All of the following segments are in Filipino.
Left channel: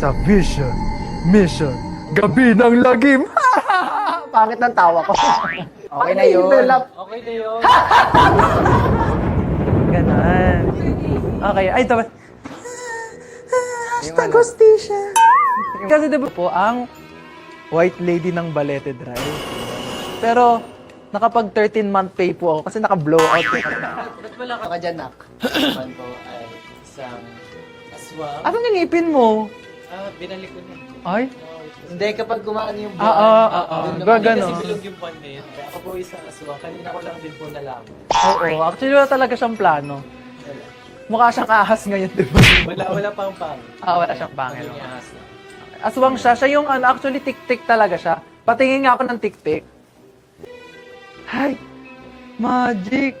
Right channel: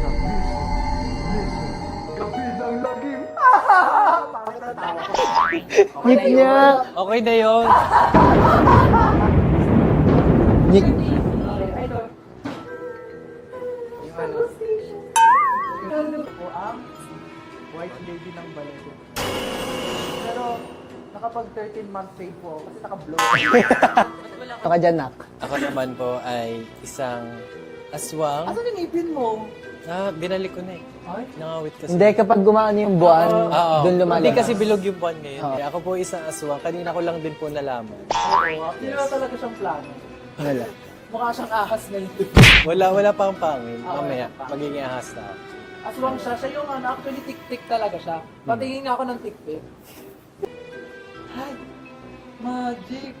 sa Vision, Mission, Gabi ng Lagim. Pangit ng tawa ko. Okay na yun. Okay na yun. Ganon. Okay, ay ito ba? Hashtag hostisya. Kasi diba po ang white lady ng Balete Drive. Pero nakapag 13-month pay po ako kasi naka-blow out. Baka dyan, nak. Naman ko ay isang aswang. Ano nilipin mo? Binalik ko na eh. Ay? Nangawit kasi. Hindi, kapag gumaan yung buwan, doon Hindi lumalang. kasi bilog yung buwan ngayon. Kaya ako po isang aswang. Kanina ko lang din po nalaman. Oo, actually wala talaga siyang plano. Wala. Mukha siyang ahas ngayon, di ba? Wala pa ang pangil. Wala siyang pangil. Magiging ahas na ako. Aswang siya. Siya yung actually tik-tik talaga siya. Patingin nga ako ng tik-tik. Hi! Magic!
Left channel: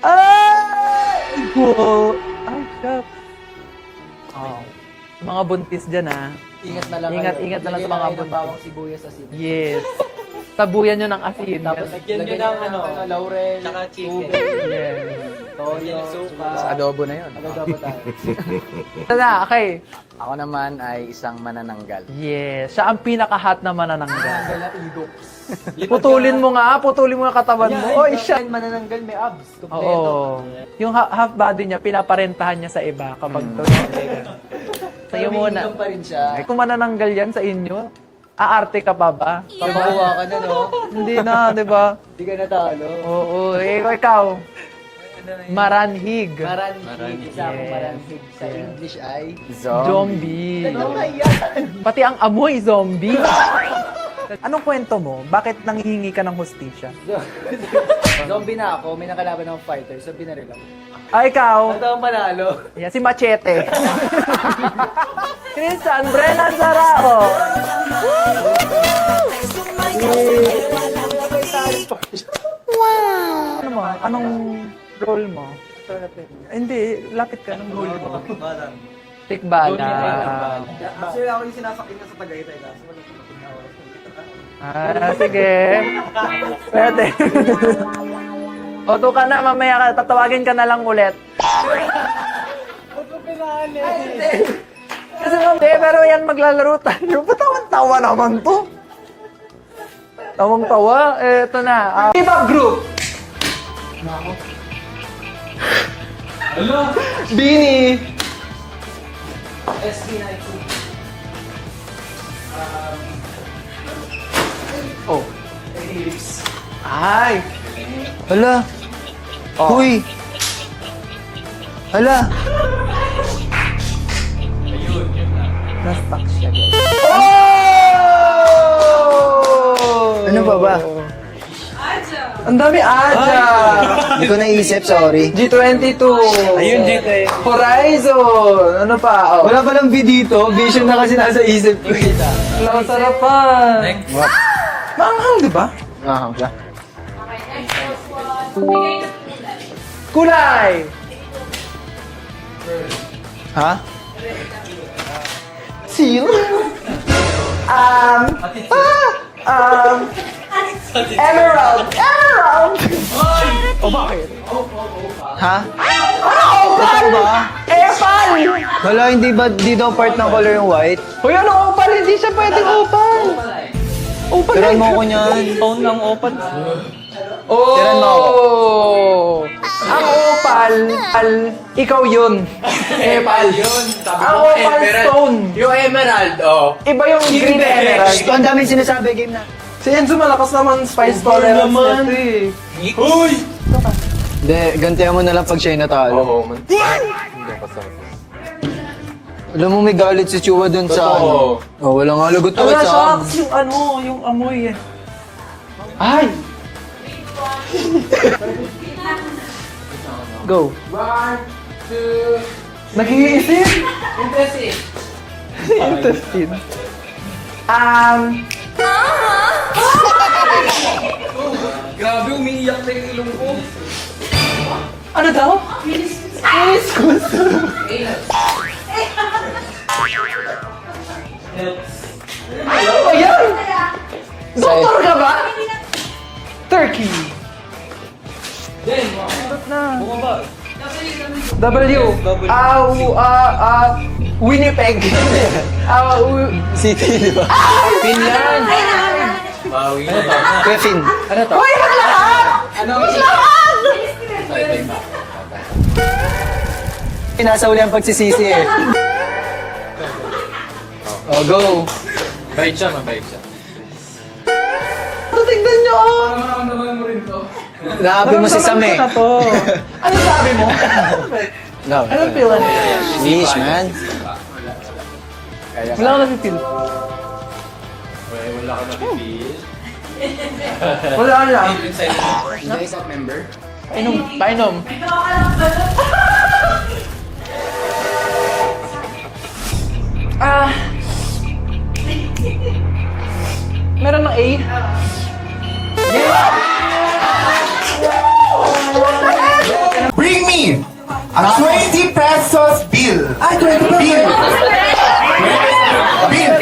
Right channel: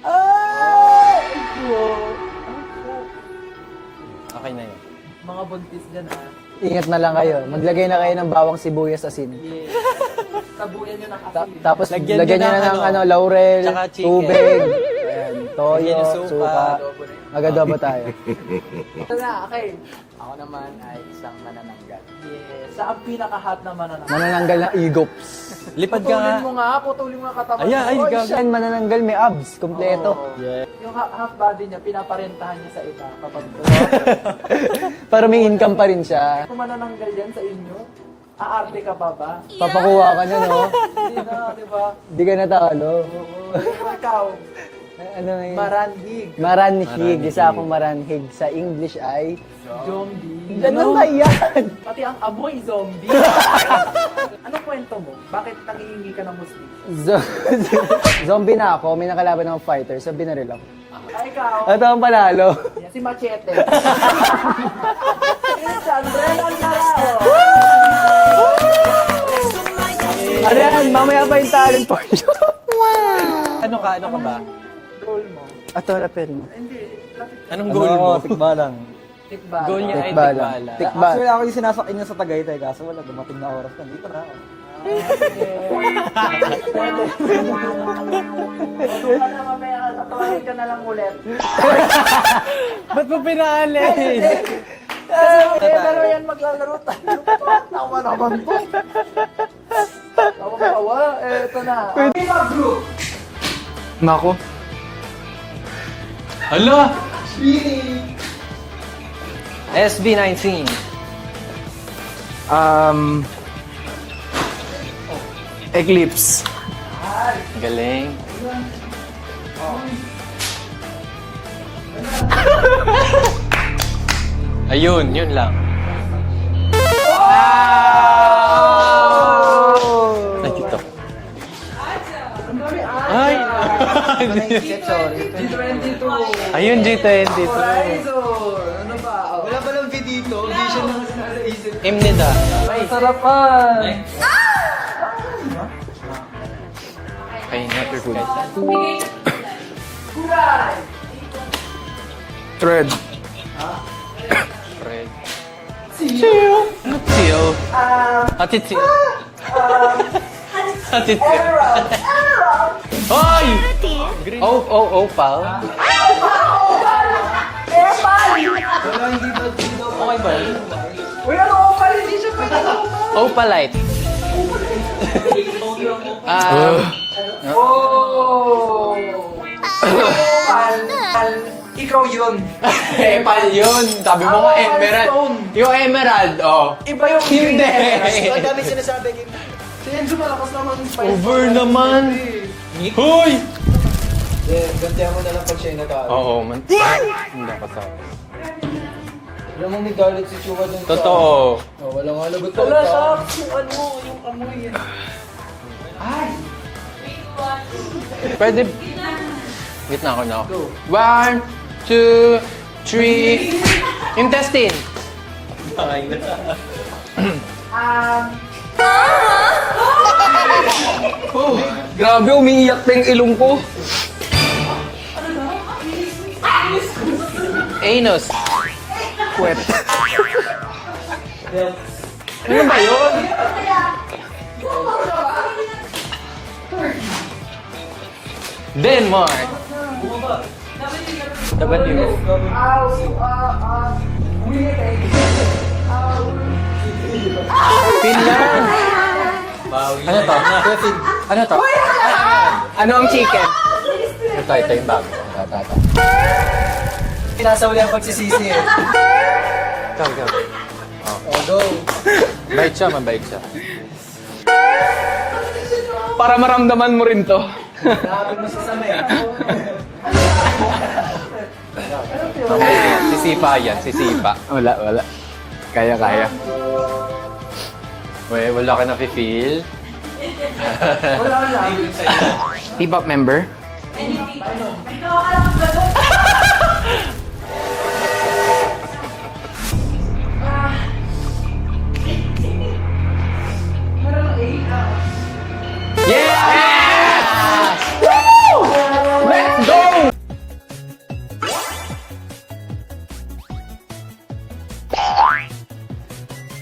Ay! Go! Ay, God. Okay na yun. Mga buntis dyan, ha? Ingat na lang kayo. Ingat na Maglagay lang na kayo mga ng bawang sibuyas asin. Yes. Tabuyan nyo ng asin. Tapos Lagyan lagyan nyo nyo na ng ng laurel, tsaka chicken. tubig, toyo, Lagyan ng supa. supa. Adobo na yun. Mag-adobo tayo. Tada, okay. Ako naman ay isang manananggal. Yes. Siya ang pinaka-hot na manananggal. Manananggal na igops. Lipad ka. Putulin mo nga katawan mo. Ay, Oy, grabe. siya. Siya manananggal, may abs. Kompleto. Oo. Yung half body niya, pinaparentahan niya sa iba kapag Para may Yung una. income pa rin siya. Kung manananggal yan sa inyo, aarte ka pa ba? Pag makuha ka nun, no? Hindi na, di ba? Hindi ka natalo. Oo, ikaw, Ano na yun? maranhig. Maranhig. Isa akong maranhig. Sa English ay... Zombie. Ano ba yan? Pati ang amoy zombie. Anong kwento mo? Bakit nanghihingi ka ng hostisya? Zombie na ako. May nakalaban ng fighter. So, binaril ako. Ikaw, Ito ang panalo. yan, si Machete. Christian Brennan Sarao. Ano yan? Mamaya ba yung talent po? Ano ka? Anong role mo? Ator apel. Hindi, lapit ka. Anong goal mo? Tikbalan. Tikbala. Tikbala. Tikbala. Actually, ako yung sinasakyan niya sa Tagaytay kaso wala dumating na oras. Nandito na ako. Sige. Pwede. O, ka na, mamaya ka, tatawagin ka na lang ulit. Ba't mo pinaalis? Kasi pero yan maglalaro tayo. Ba't tawa naman to? Tawang-tawa. Eto na. Viva Group! Mako. Hala! Bini! SB19. Eclipse. Ay! Galing. Hala. Huy. Hala. Ayun, yun lang. Ano ba ba? Ang dami Aja! Hindi ko naisip, sorry. G22! Ayun, J20. Horizon! Ano pa? Oh. Wala palang V dito. Vision na kasi nasa isip ko. Impita. Ang sarapan! Next. Manghang, di ba? Ay, never good. Kulay! Thread. Ha? Zero. Attitude. Attitude. Emerald! Emerald! Hoy! Oh, pal. Ha? Epal! Wala, hindi ba di daw part ng color yung white? Uy, ano opal? Hindi siya pwede opal! Opalite. Tiran mo ako niyan. Phone ng opal. Tiran mo ako. Opal! Ikaw yun! Epal yun. Sabi mo Ang opal stone! Yung emerald, oh. Iba yung green emerald. Ito, ang daming sinasabi, game na. Si Enzo malakas naman spice Sobra tolerance naman. natin. Hoy! Hindi, gantihan mo na lang pag siya'y natalo. Oo, man. Dapat sa Alam mo, may galit si Chua dun sa... Totoo. Oh, wala nga lagot Wala tawad siya, sa... tapos yung ano, yung amoy eh. Ay! Pwede. Wait na ako na. Go. 1, 2, 3. Nag-iisip? Intestine. Grabe, umiiyak na yung ilong ko. Ano daw? Anus. Puwet. Ano ba yun? Ayan! Doktor ka ba? Turkey. Denmark. W. Winnipeg. Peg. City, di ba? Yun lang. Kevin. Ano to? Ano ang chicken? Ito yung bago. Pinasa uli ang pagsisisi eh. Oh, go. Bike siya, man-bike siya. Tignan nyo ako. Para maramdaman mo rin to. Grabe mo si Sam eh. Ano sabi mo? Anong feel? Sisipa yan, sisipa. Wala. Kaya. Wala akong feel. Wala ka na-feel. Wala lang. K-pop member? Painom. Meron ng A? Bring me a 20 pesos bill. Ay, 20 pa. Bill. Bill.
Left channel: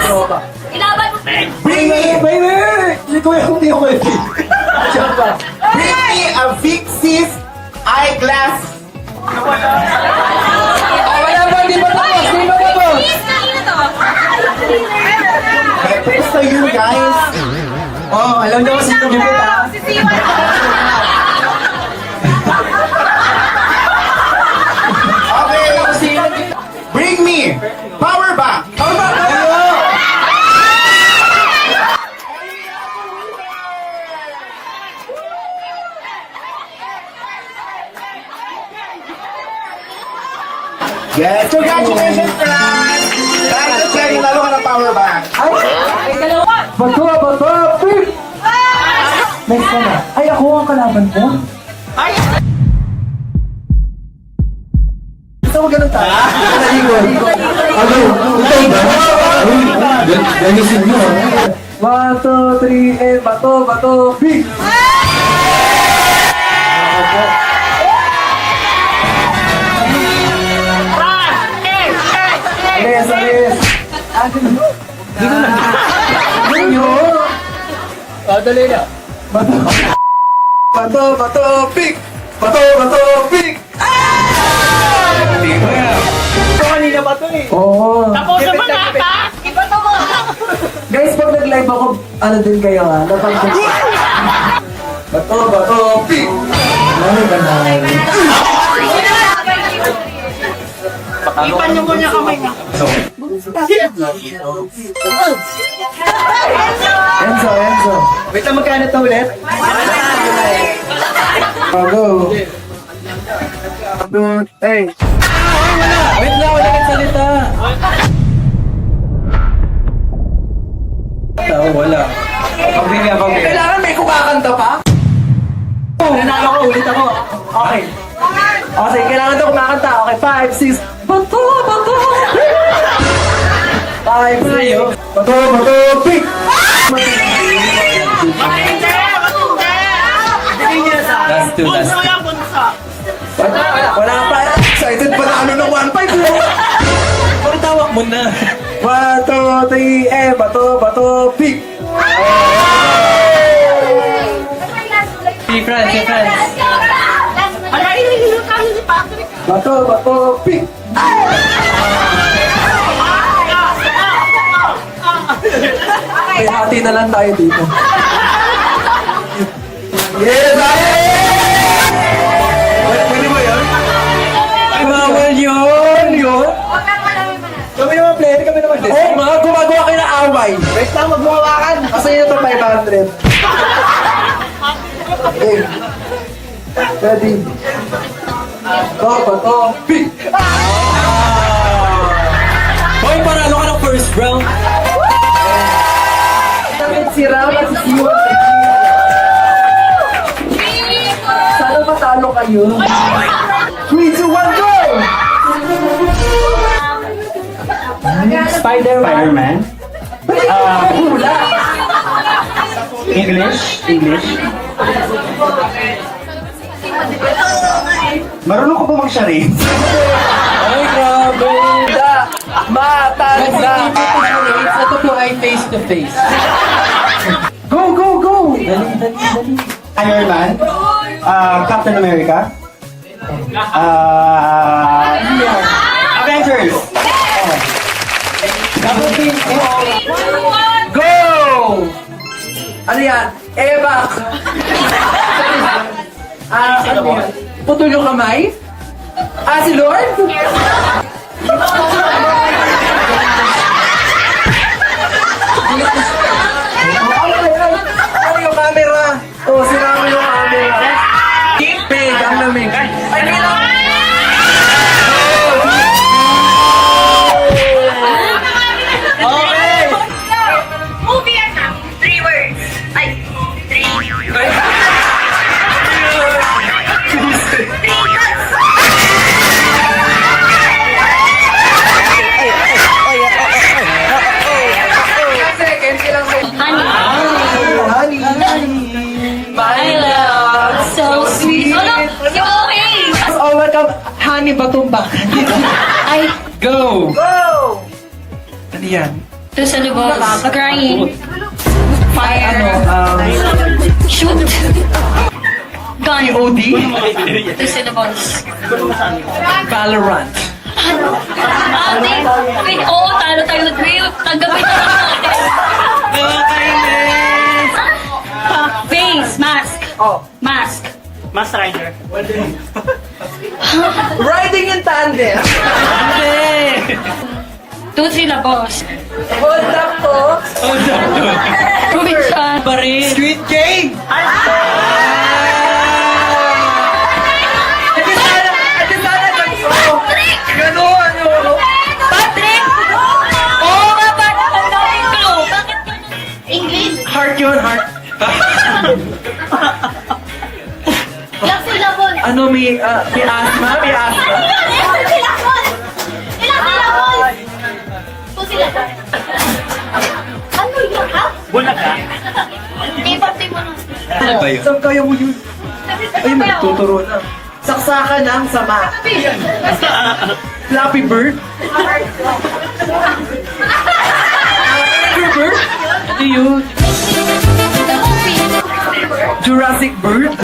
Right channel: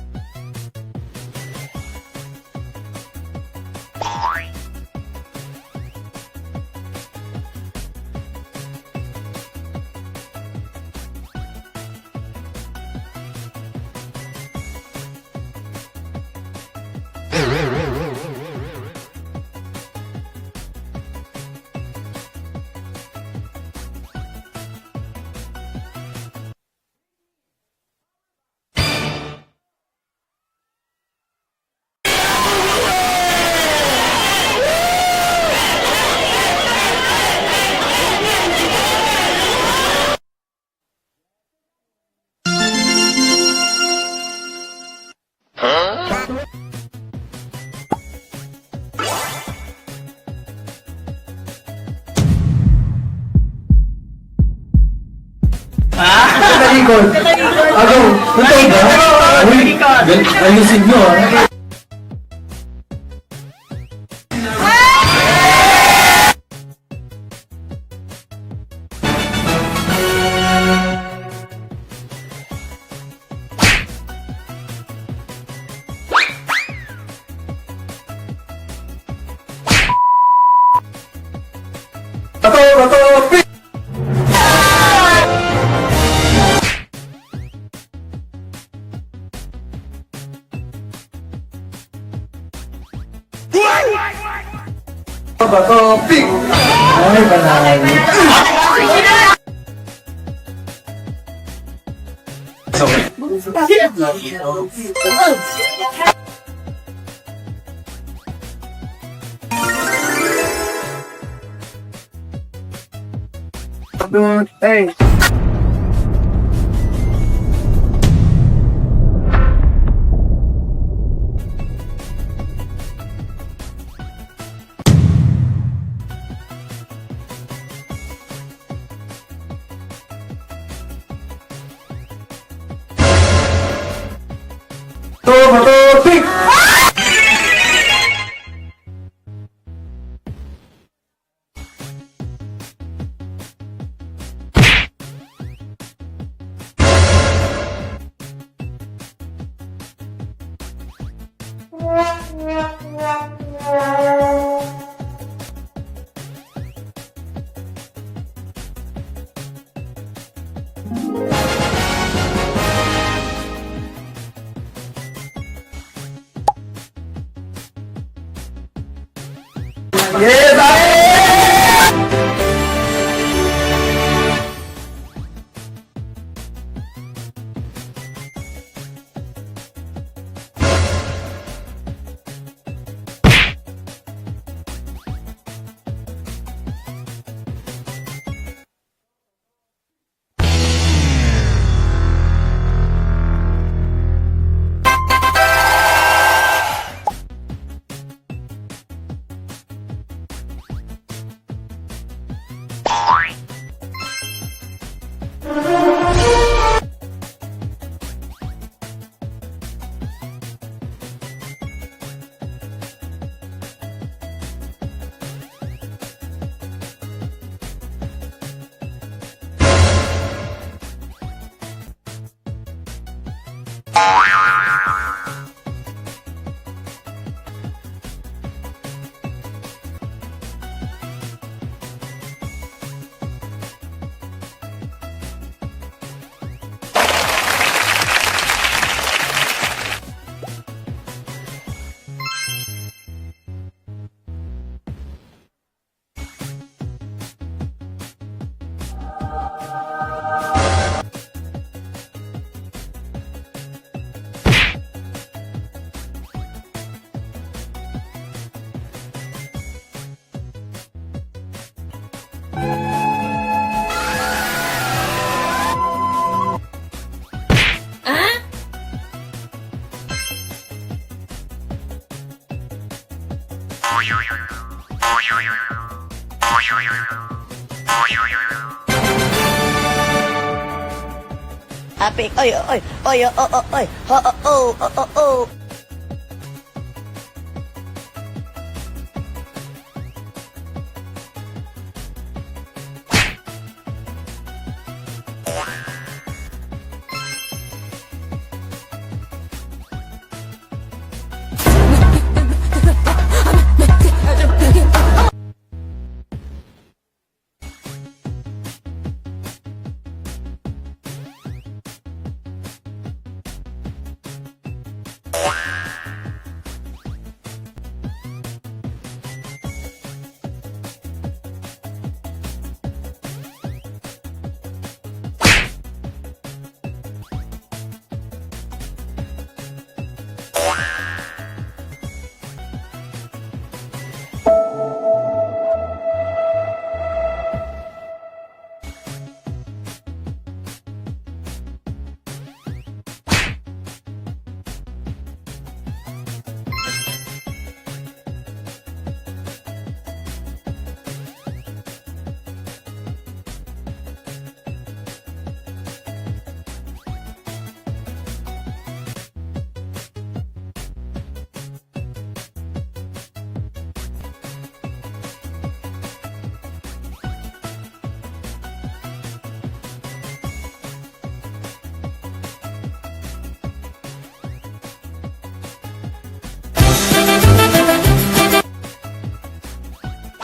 Tama. Bring me. Bring me a Vixis eyeglass. Wala ba? Di ba tapos? Di ba tapos? Thanks to you guys. Oh, alam niyo kasi ito dito ah. Okay. Bring me power bank. Yes, congratulations, friends! Dahil Cherry, lalo ka ng power bank. Bato! Pick! Next ka na. Ay, ako ang kalaban ko? Gusto mo ganun tayo? Nalikod. Ano? Ito ba? Uy, galusin mo. 1, 2, 3, and bato! Pick! Alis! Dali na. Bato! Pick! Pick! Kanina pa to eh. Oo. Tapos na mga ka! Iba to mo! Guys, pag nag-live ako, ano din kayo ha? Bato! Pick! Ay, banal. Ipan niyo muna kami nga. Enzo. Wait lang, magkano to ulit? Go. Hey. Wait lang, wala kang salita. Wala. Pagbigyan. Kailangan may kumakanta pa? Nanalo ko, ulit ako. Okay. Okay, kailangan daw kumakanta. Okay, 5, 6. Bato! 5, 6. Bato! Pick! Last two. Wala bunso. Wala pa. Excited pa na ano ng 1-5. Ang tawag mo na. 1, 2, 3, and bato! Pick! Si France. Ano yung kami ni Patrick? Bato! Pick! Okay, hati na lang tayo dito. Yes! Bawal yun. Kami naman player, kami naman player. Oh, mga gumagawa kayo ng away. Next time, magbuhawakan. Kasi yun ito 500. Okay. Ready? Bato! Pick! Hoy, paralo ka ng first round. Si Ram at si Siwa. Sana matalo kayo. 3, 2, 1, go! Spider-Man. Hula! English. Marunong ko ba mag-charade? Ay, grabe! Matanda! Ito po ay face to face. Go! Iron Man. Captain America. Avengers. Go! Ano yan? Eva! Ano yan? Putol yung kamay? Si Lord? Ano yung camera? Sira mo yung camera. Pig ang lamig. Ay, hindi na! Movie yan na. 3 words. Ay, 3. Seconds lang sa Honey. My love, so sweet. Ano? Yung okay. Oh, welcome. Honey Batumba. Ay, Go! Go! Ano yan? to sa lubos. Crying. Ano? Shoot. Gun. POD? To sa lubos. Valorant. Ate, wait, oo, talo tayo nag-wait. Tanggapin na lang natin. Face, mask. Oh. Mask. Mask Rider. Riding in tandem. To sila, boss. Hold up to. Provincial. Baril. Squid Game. Ganon yun. Patrick! Oo nga, Patrick. Ang daming clue. Bakit? English? Heart yun, heart. Ilang syllable? Ano, may asthma? May asthma? Ilang syllable? Ilang syllable? To sila. Ano yun, ha? Bulaga. Ipapti mo na. Saan kaya mo yun? Ay, magtuturo na. Saksakan ng sama. Flappy Bird? Flappy Bird? Ano yun? Jurassic Bird?